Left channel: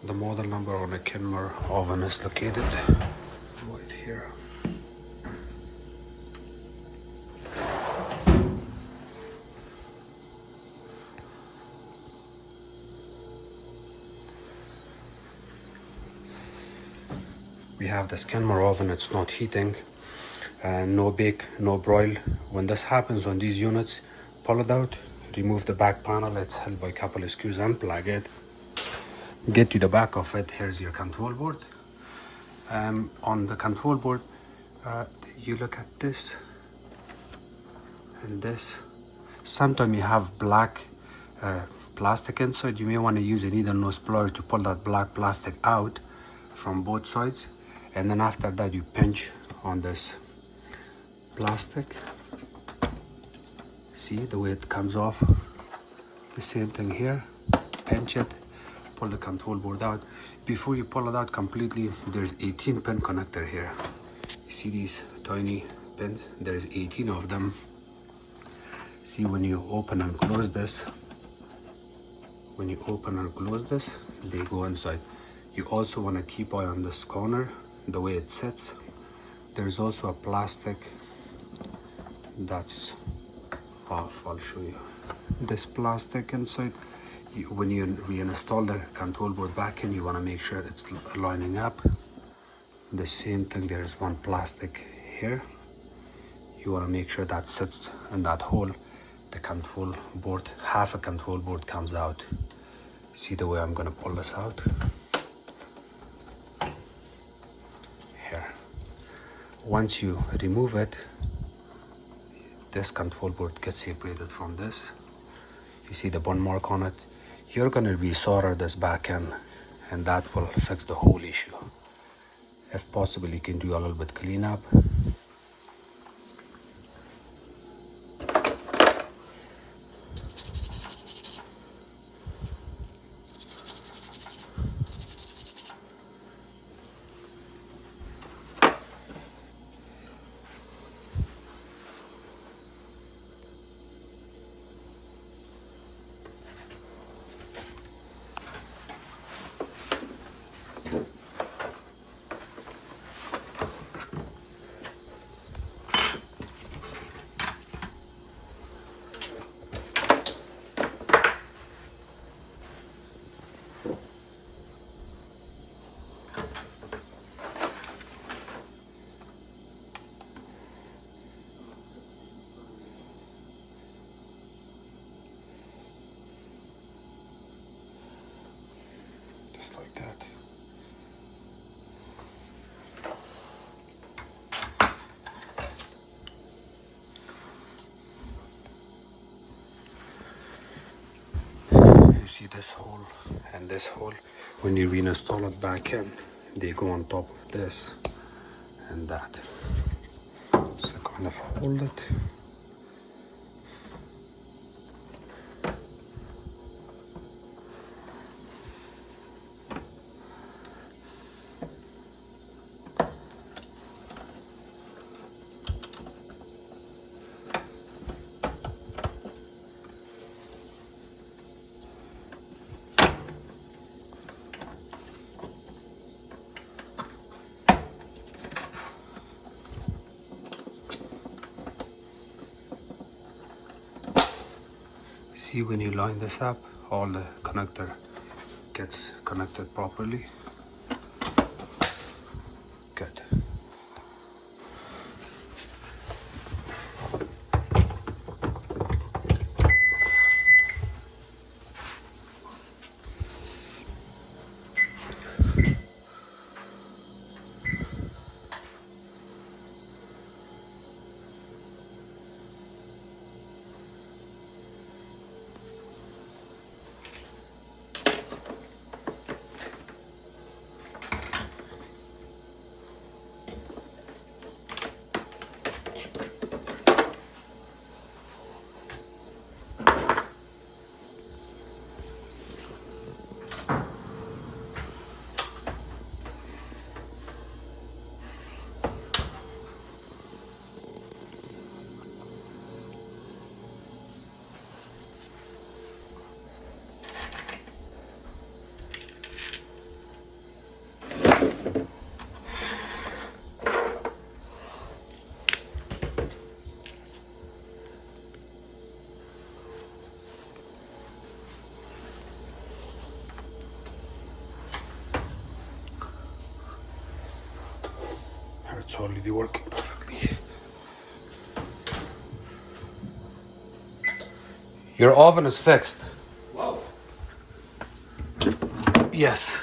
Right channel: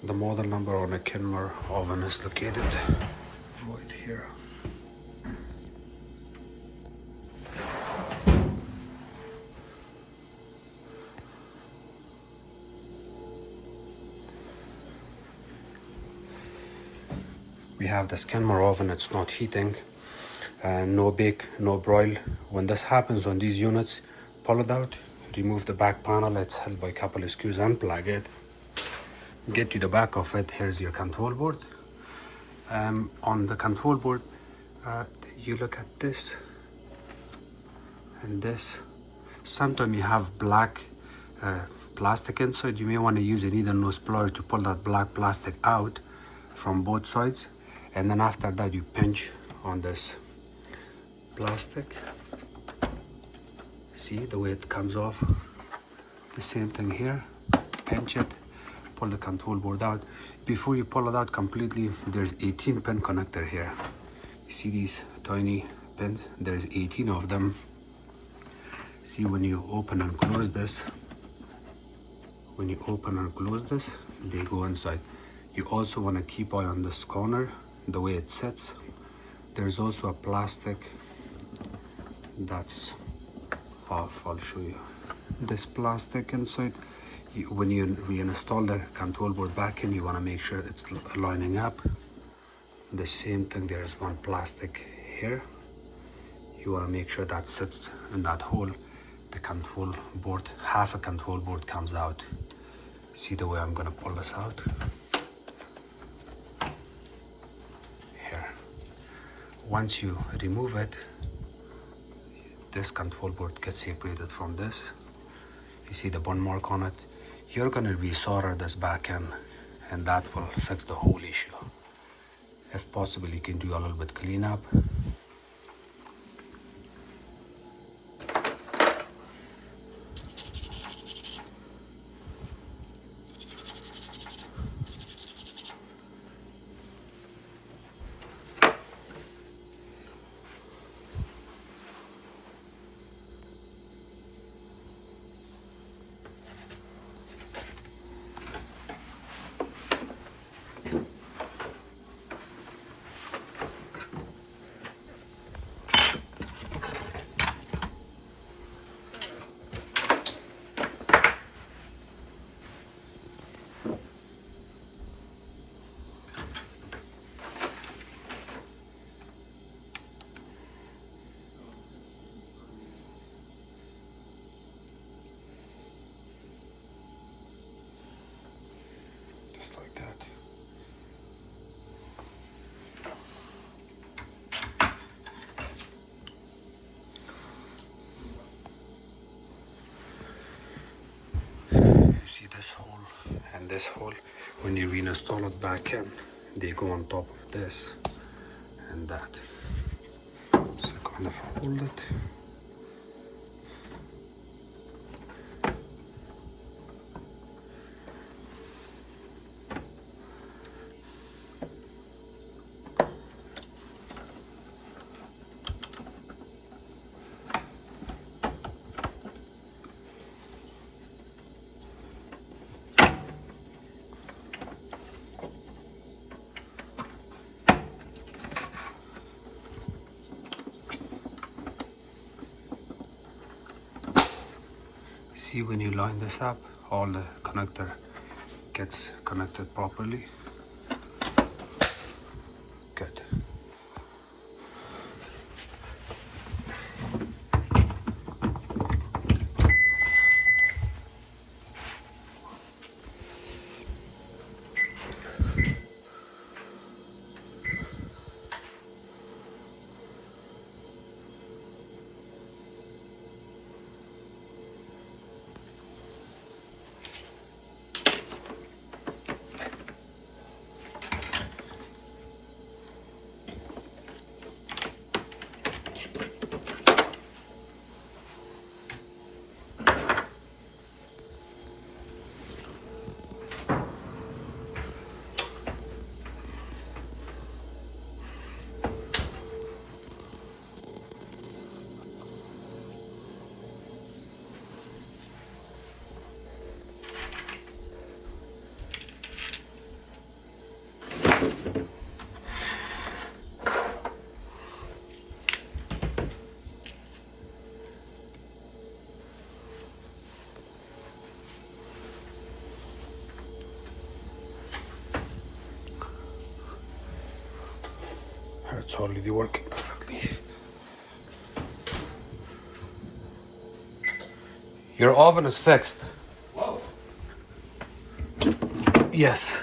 The model number on a Kenmore oven is located right here. We have this Kenmore oven, it's not heating, no bake, no broil. When this happens on these units, pull it out, remove the back panel, it's held by a couple of screws, unplug it. Get to the back of it, here's your control board. On the control board, you look at this and this. Sometimes you have black plastic inside. You may want to use a needle nose plier to pull that black plastic out from both sides, and then after that you pinch on this plastic. See the way it comes off? The same thing here. Pinch it, pull the control board out. Before you pull it out completely, there's 18 pin connector here. You see these tiny pins? There's 18 of them. See, when you open and close this, they go inside. You also want to keep eye on this corner, the way it sits. There's also a plastic that's off. I'll show you. This plastic inside, when you reinstall the control board back in, you want to make sure it's lining up. The same thing, there is one plastic here. You want to make sure that sits in that hole. The control board, half a control board comes out. See the way I'm going to pull this out? Here. Once you remove it, this control board gets separated from this. You see the burn mark on it? You're going to resolder this back in, and that will fix the whole issue. If possible, you can do a little bit cleanup. Just like that. You see this hole and this hole? When you reinstall it back in, they go on top of this and that. So kind of hold it. See, when you line this up, all the connector gets connected properly. Good. it's already working perfectly. Your oven is fixed. Wow. Yes.